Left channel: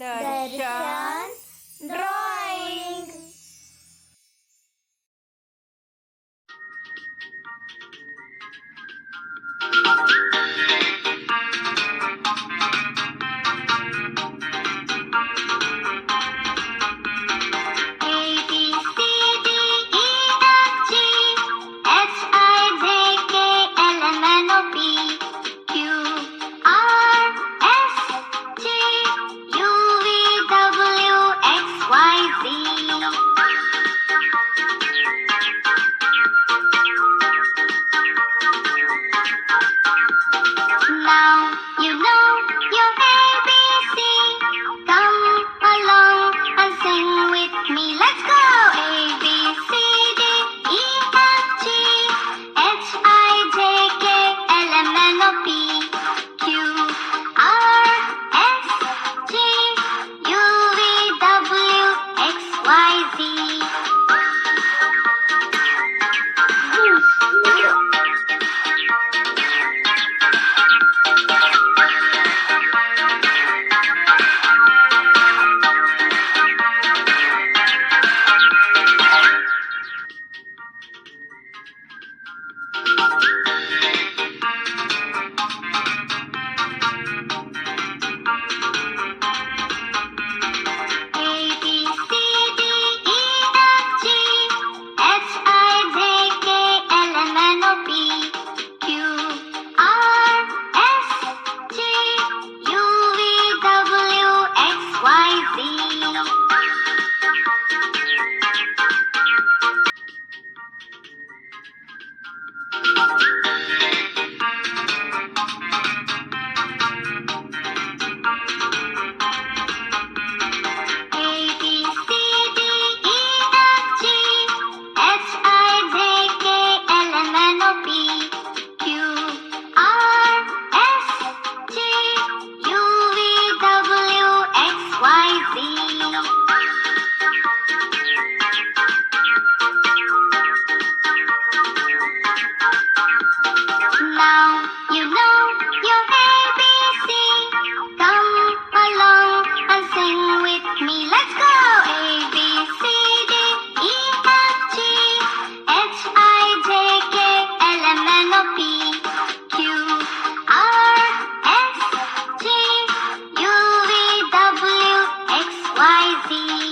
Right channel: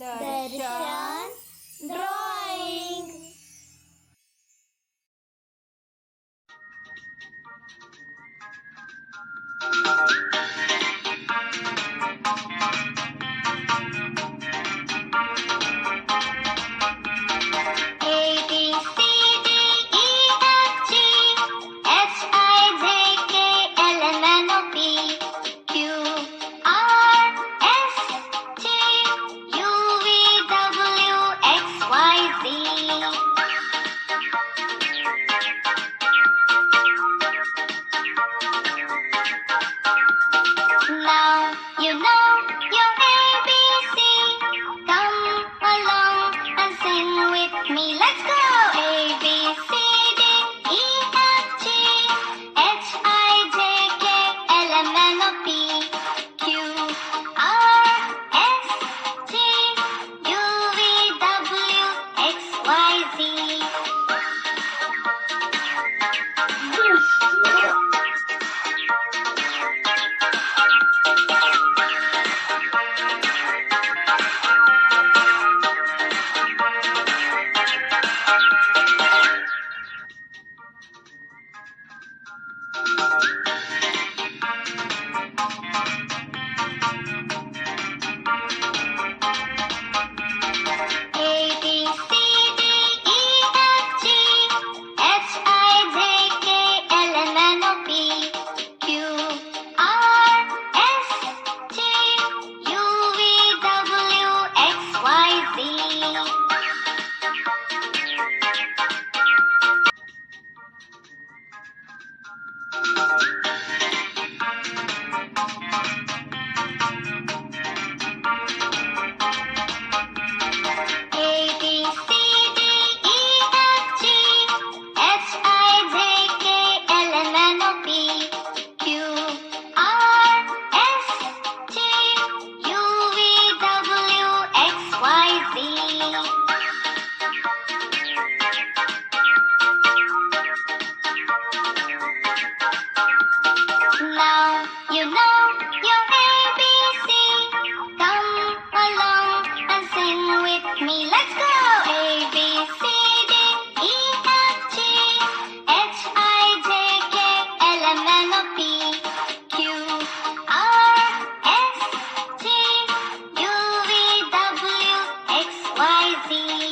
Darshan Drawing. Now you know your ABC. Come along and sing with me. Let's go! A, B, C, D, E, F, G, H, I, J, K, L, M, N, O, P, Q, R, S, T, U, V, W, X, Y, Z. Now you know your ABC. Come along and sing with me. Let's go! A, B, C, D, E, F, G, H, I, J, K, L, M, N, O, P, Q, R, S, T, U, V, W, X, Y, Z.